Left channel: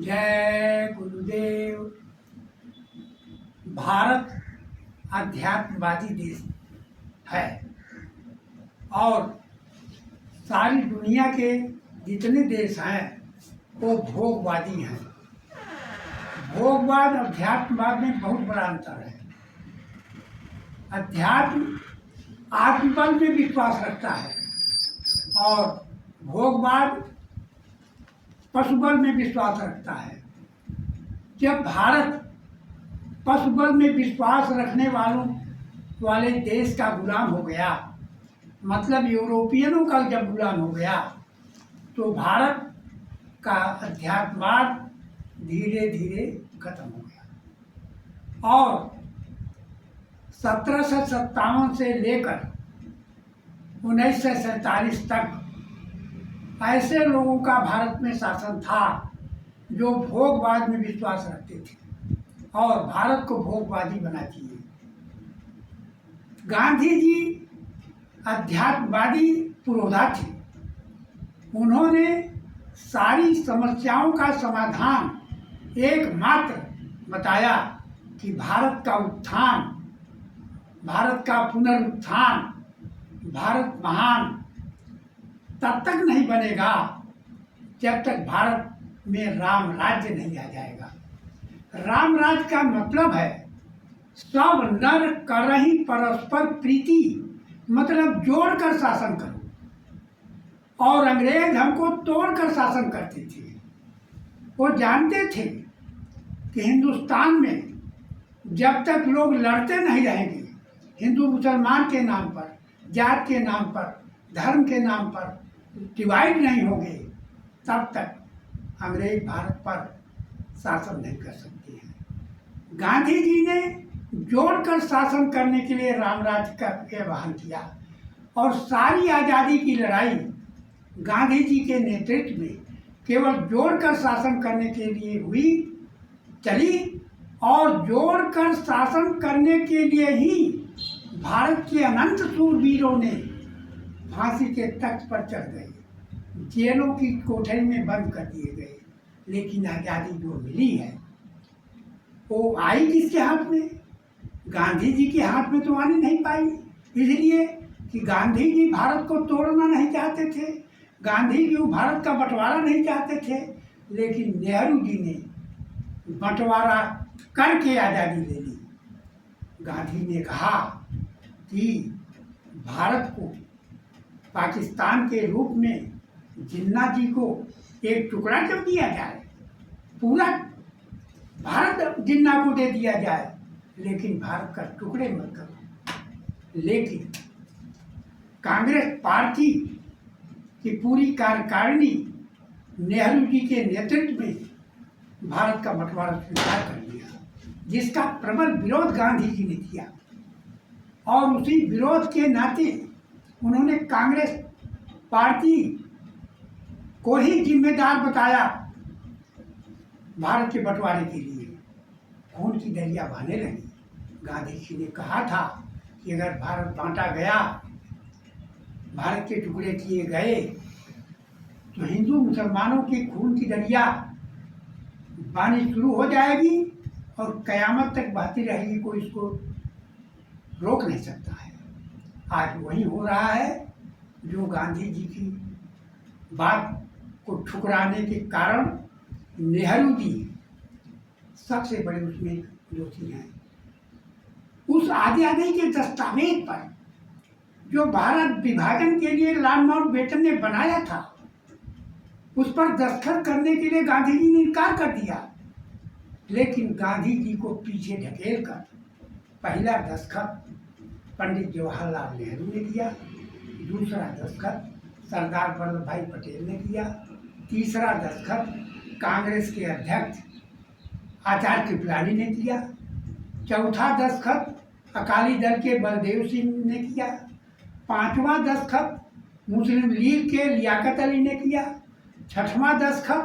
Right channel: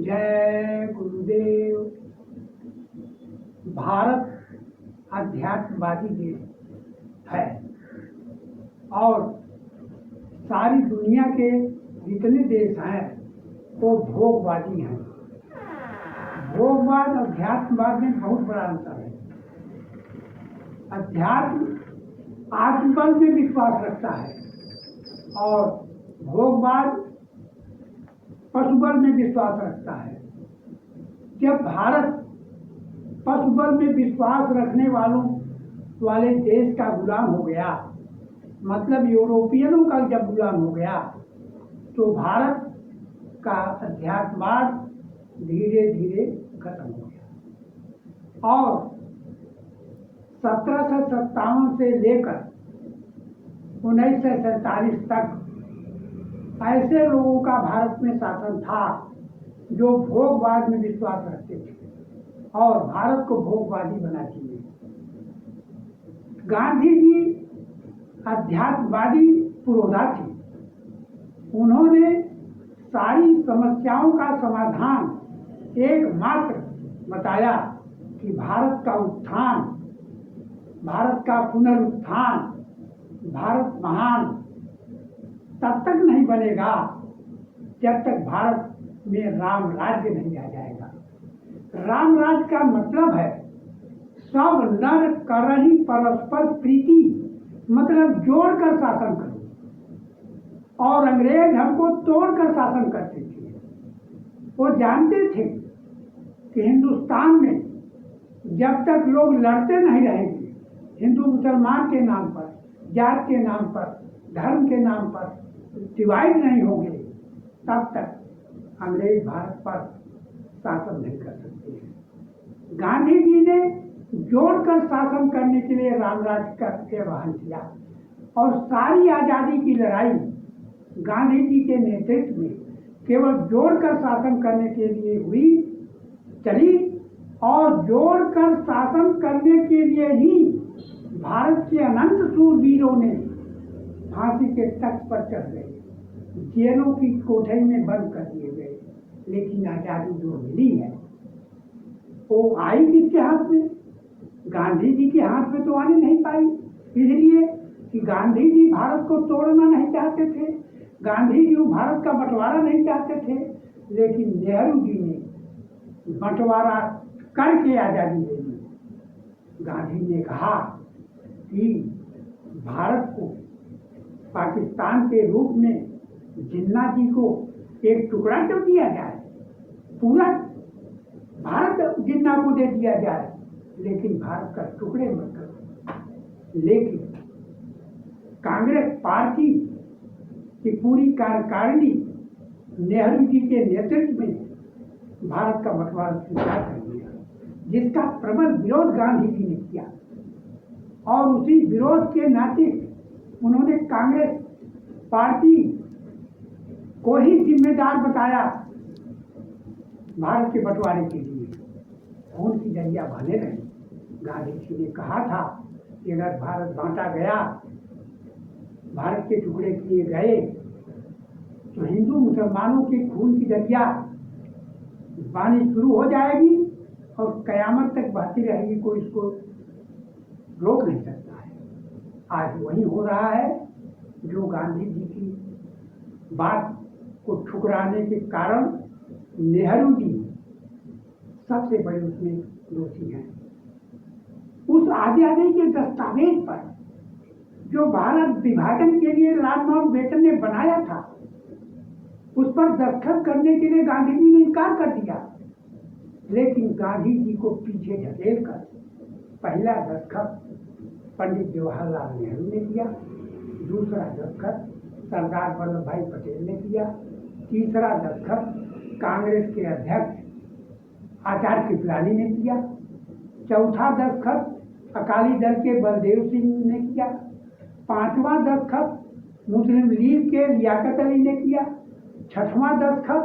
जय गुरुदेव। भारत अध्यात्मवादी देश है और सारी दुनिया के जितने देश हैं वो भोगवादी हैं। भोगवाद अध्यात्मवाद में बहुत बड़ा अंतर है। अध्यात्म आत्मबल में विश्वास रखता है और भोगवाद पशुबल में विश्वास रखता है। जब भारत पशुबल में विश्वास रखने वाले देश का गुलाम हो गया, मतलब यूरोपियनों का जब गुलाम हो गया, तो भारत का अध्यात्मवाद धीरे धीरे खत्म हो गया और 1757 से लेकर 1947 तक ऐसे लोगों का भारत में शासन था जो भोगवाद में विश्वास रखते थे और भारत को भोगवादी बना दिए। गांधी जी अध्यात्मवादी पुरोधा थे। उन्होंने सारी समस्याओं का समाधान एकमात्र बताया कि भारत का उत्थान, भारत का पुनरुत्थान, भारत महान तब तक नहीं बनेगा जब तक भारत में राम राज्य नहीं आ जाएगा। राम राज्य का मतलब है सब नर करहि परस्पर प्रीति, मतलब जोड़कर शासन करो। और अंग्रेज हमको तोड़कर शासन करते थे। वो जानते थे कि हिंदुस्तान में जब तक लोग लड़ते नहीं रहेंगे, हिंदू मुसलमान के नाम पर, जात के नाम पर, धर्म के नाम पर डिवाइड नहीं होंगे, तब तक अंग्रेज भारत पर शासन नहीं कर सकते हैं। गांधी जी ने जोड़कर शासन करने के लिए रामराज्य का आह्वान किया और सारी आज़ादी की लड़ाई गांधी जी के नेतृत्व में केवल जोड़कर शासन करने के लिए चली और जोड़कर शासन करने के लिए ही भारत के अनंत शूरवीरों ने फांसी के तख्त पर चढ़ गए, जेलों की कोठरी में बंद कर दिए गए। लेकिन आज़ादी जो मिली है वो आई किसके हाथ में? गांधी जी के हाथ में तो आने नहीं पाई, इसलिए कि गांधी जी भारत को तोड़ना नहीं चाहते थे, गांधी जी भारत का बंटवारा नहीं चाहते थे। लेकिन नेहरू जी ने बंटवारा करके आज़ादी ले ली। गांधी ने कहा कि भारत को पाकिस्तान के रूप में जिन्ना जी को एक टुकड़ा क्यों दिया जाए, पूरा भारत जिन्ना को दे दिया जाए, लेकिन भारत का टुकड़े मत करो। लेकिन कांग्रेस पार्टी की पूरी कार्यकारिणी नेहरू जी के नेतृत्व में भारत का बंटवारा स्वीकार कर लिया, जिसका प्रबल विरोध गांधी जी ने किया और उसी विरोध के नाते उन्होंने कांग्रेस पार्टी को ही जिम्मेदार बताया भारत के बंटवारे के लिए। खून की दरिया बहने लगी। गांधी जी ने कहा था कि अगर भारत बांटा गया, भारत के टुकड़े किए गए, तो हिंदू मुसलमानों के खून की दरिया बहनी शुरू हो जाएगी और कयामत तक बहती रहेगी, कोई इसको रोक नहीं सकता है। आज वही हो रहा है जो गांधी जी की बात को ठुकराने के कारण नेहरू जी सबसे बड़े उसमें दोषी हैं। उस आज़ादी के दस्तावेज पर जो भारत विभाजन के लिए लॉर्ड माउंटबेटन ने बनाया था, उस पर दस्तखत करने के लिए गांधी जी ने इनकार कर दिया। लेकिन गांधी जी को पीछे ढकेल कर पहला दस्तखत पंडित जवाहरलाल नेहरू ने किया, दूसरा दस्तखत सरदार वल्लभ भाई पटेल ने किया, तीसरा दस्तखत कांग्रेस के अध्यक्ष आचार्य कृपलानी ने किया, चौथा दस्तखत अकाली दल के बलदेव सिंह ने किया, पांचवा दस्तखत मुस्लिम लीग के लियाकत अली ने किया, छठवां दस्तखत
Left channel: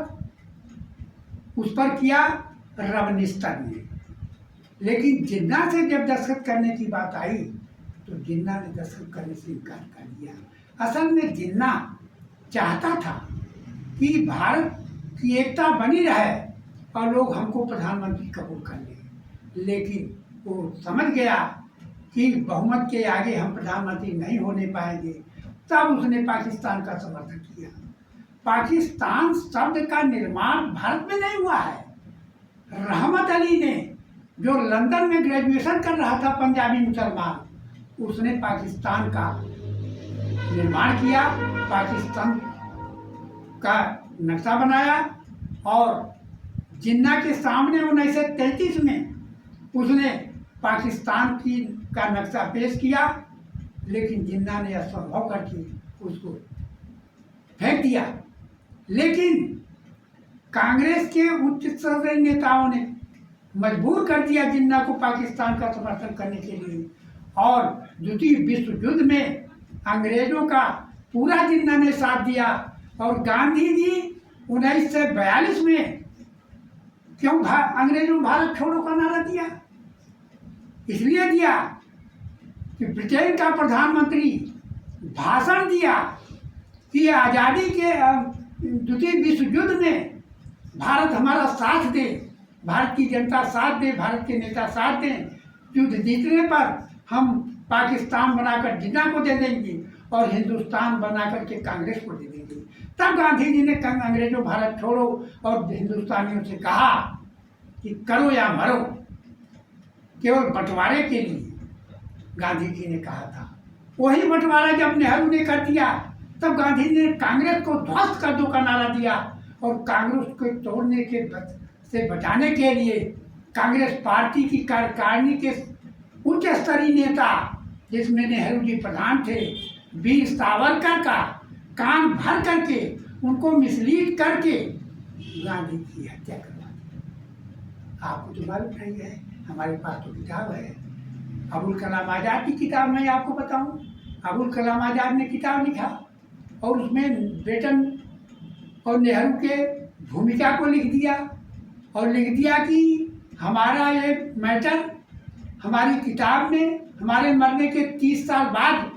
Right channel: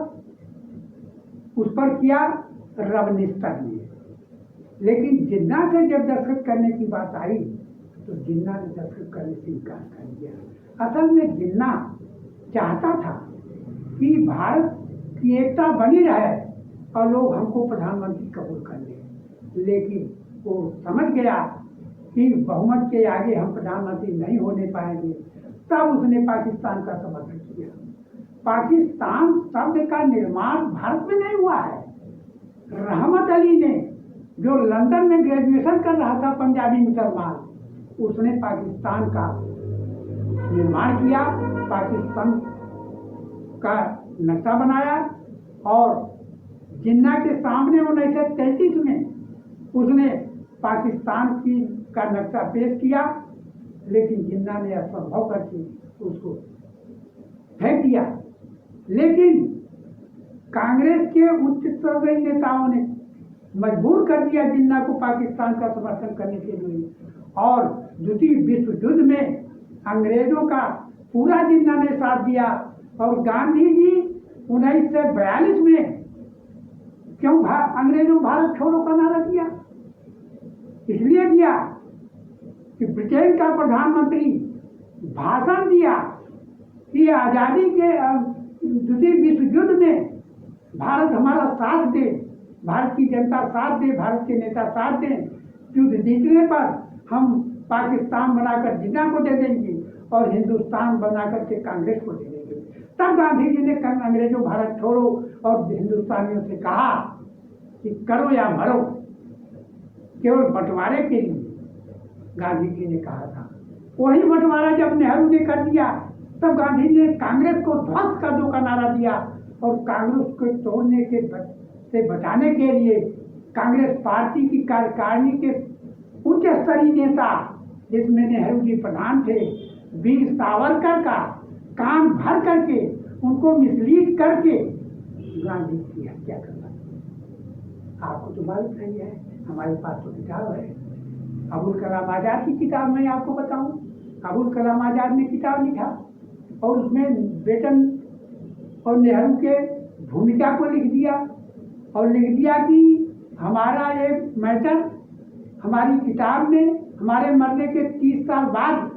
उस पर किया रबनिस्तर ने। लेकिन जिन्ना से जब दस्तखत करने की बात आई तो जिन्ना ने दस्तखत करने से इनकार कर दिया। असल में जिन्ना चाहता था कि भारत की एकता बनी रहे और लोग हमको प्रधानमंत्री कबूल कर लें। लेकिन वो समझ गया कि बहुमत के आगे हम प्रधानमंत्री नहीं होने पाएंगे, तब उसने पाकिस्तान का समर्थन किया। पाकिस्तान शब्द का निर्माण भारत में नहीं हुआ है। रहमत अली ने, जो लंदन में ग्रेजुएशन कर रहा था, पंजाबी मुसलमान, उसने पाकिस्तान का निर्माण किया, पाकिस्तान का नक्शा बनाया और जिन्ना के सामने 1933 में उसने पाकिस्तान का नक्शा पेश किया, लेकिन जिन्ना ने असंभव करके उसको फेंक दिया। लेकिन कांग्रेस के उच्च स्तरीय नेताओं ने मजबूर कर दिया जिन्ना को पाकिस्तान का समर्थन करने के लिए, और द्वितीय विश्व युद्ध में अंग्रेजों का पूरा जिन्ना ने साथ दिया। और गांधी जी 1942 में क्यों अंग्रेजों भारत छोड़ो का नारा दिया? इसलिए दिया कि ब्रिटेन का प्रधानमंत्री भाषण दिया कि आज़ादी के द्वितीय विश्व युद्ध में भारत हमारा साथ दे, भारत की जनता साथ दे, भारत के नेता साथ दें। युद्ध जीतने पर हम पाकिस्तान बनाकर जिन्ना को दे देंगे और हिंदुस्तान बनाकर के कांग्रेस को दे देंगे। तब गांधी जी ने अंग्रेजों भारत छोड़ो और हिंदुस्तानियों से कहा कि करो या मरो, केवल बंटवारे के लिए गांधी जी ने कहा था। वही बंटवारा जब नेहरू ने कर दिया, तब गांधी ने कांग्रेस को ध्वस्त कर दो का नारा दिया, और कांग्रेस को तोड़ने से बचाने के लिए कांग्रेस पार्टी की कार्यकारिणी के उच्च स्तरीय नेता, जिसमें नेहरू जी प्रधान थे, वीर सावरकर का कान भर करके उनको मिसलीड करके गांधी की हत्या करवा दी। आपको तो मालूम नहीं है, हमारे पास तो किताब है, अबुल कलाम आज़ाद की किताब। मैं आपको बताऊं, अबुल कलाम आज़ाद ने किताब लिखा और उसमें ब्रिटेन और नेहरू के भूमिका को लिख दिया, और लिख दिया कि हमारा ये मैटर हमारी किताब में हमारे मरने के 30 साल बाद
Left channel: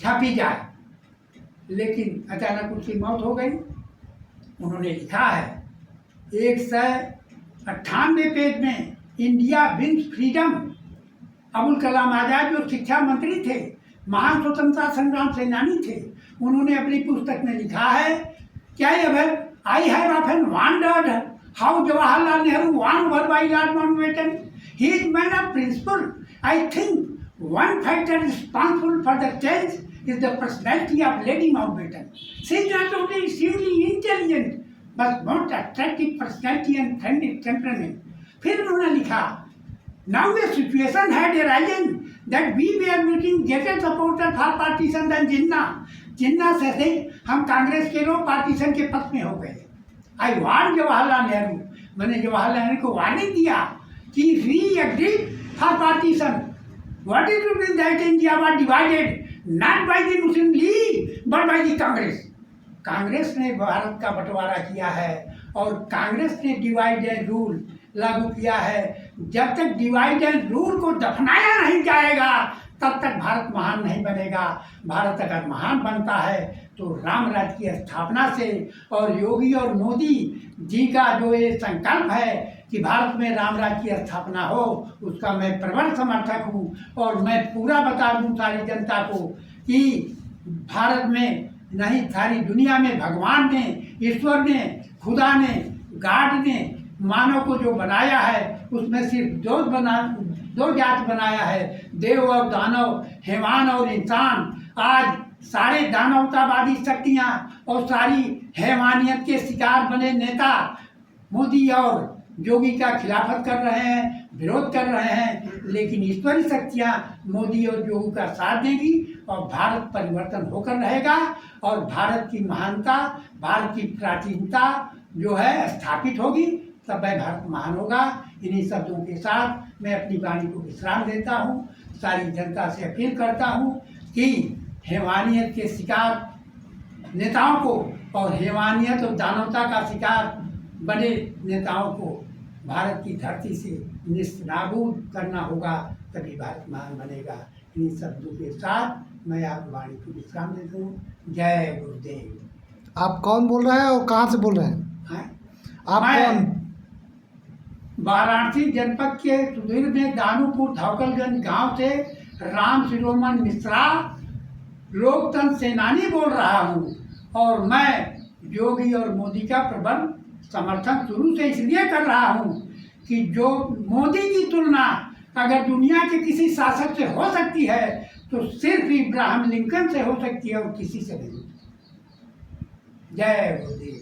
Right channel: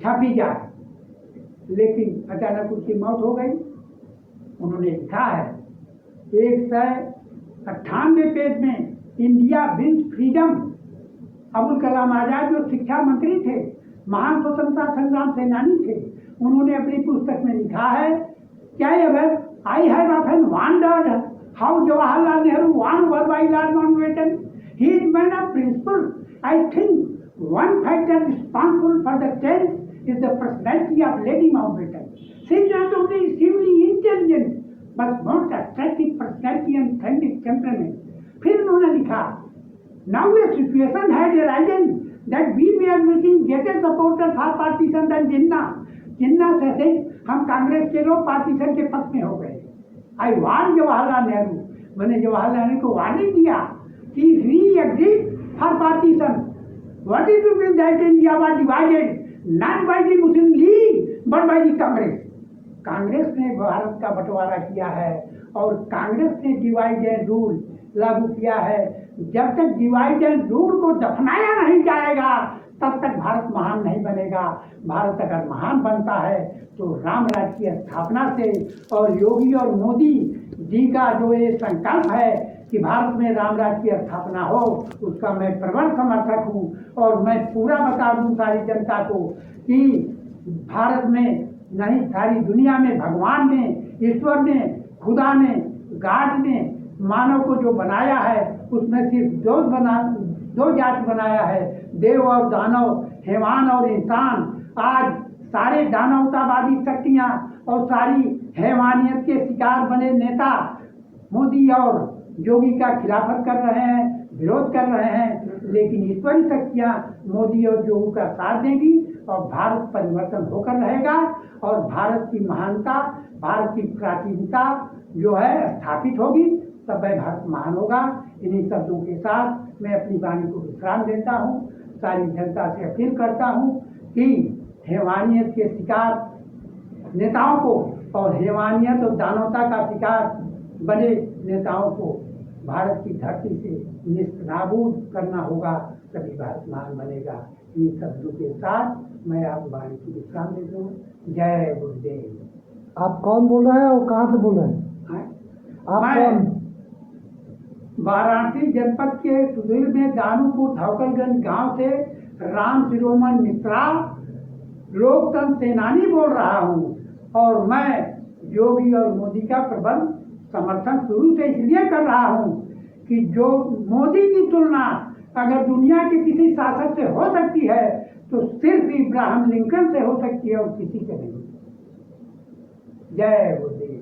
छापी जाए। लेकिन अचानक उसकी मौत हो गई। उन्होंने लिखा है 198 पेज में, India wins freedom. Abul Kalam Azad जो शिक्षा मंत्री थे, महान स्वतंत्रता संग्राम सेनानी थे, उन्होंने अपनी पुस्तक में लिखा है क्या I have often wondered how Jawaharlal Nehru won over by Lord Mountbatten. He is man of principle. I think one factor responsible for the change is the personality of Lady Mountbatten. She is not only extremely intelligent, but most attractive personality and friendly temperament. फिर उन्होंने लिखा, now a situation had arisen that we were making greater supporter for partition than Jinnah. जिन्ना से हम कांग्रेस के लोग partition के पक्ष में हो गए। I warned जवाहरलाल नेहरू, मैंने जवाहरलाल नेहरू को वार्निंग दिया कि we agreed for partition. What is to be that India was divided not by the Muslim League but by the Congress. Congress ने भारत का बंटवारा किया है और कांग्रेस ने डिवाइड एंड रूल लागू किया है। जब तक डिवाइड एंड रूल को दफनाया नहीं जाएगा, तब तक भारत महान नहीं बनेगा। भारत अगर महान बनता है तो राम राज्य की स्थापना से, और योगी और मोदी जी का जो ये संकल्प है कि भारत में राम राज्य की स्थापना हो, उसका मैं प्रबल समर्थक हूँ। और मैं पूरा बता दूँ सारी जनता को कि भारत में नहीं, सारी दुनिया में भगवान ने, ईश्वर ने, खुदा ने, गॉड ने मानव को जो बनाया है, उसमें सिर्फ दो जात बनाया है, देव और दानव, हैवान और इंसान। आज सारे दानवतावादी शक्तियाँ और सारी हैवानियत के शिकार बने नेता मोदी और योगी का खिलाफत कर रहे हैं, विरोध कर रहे हैं, लेकिन ईश्वरीय शक्तियाँ मोदी और योगी का साथ देगी और भारत परिवर्तन होकर रहेगा और भारत की महानता, भारत की प्राचीनता जो है स्थापित होगी, तब वह भारत महान होगा। इन्हीं शब्दों के साथ मैं अपनी वाणी को विश्राम देता हूँ। सारी जनता से अपील करता हूँ कि हैवानियत के शिकार नेताओं को और हैवानियत और दानवता का शिकार बने नेताओं को भारत की धरती से निस्नाबूद करना होगा, तभी भारत महान बनेगा। इन्हीं शब्दों के साथ मैं आप वाणी को विश्राम देता हूँ। जय गुरुदेव। आप कौन बोल रहे हैं और कहाँ से बोल रहे हैं? आप मैं कौन? वाराणसी जनपद के सुदूर में दानूपुर धावकलगंज गांव से राम शिरोमण मिश्रा लोकतंत्र सेनानी बोल रहा हूँ। और मैं योगी और मोदी का प्रबल समर्थन शुरू से इसलिए कर रहा हूँ कि जो मोदी की तुलना अगर दुनिया के किसी शासक से हो सकती है तो सिर्फ इब्राहिम लिंकन से हो सकती है और किसी से नहीं। जय मोदी।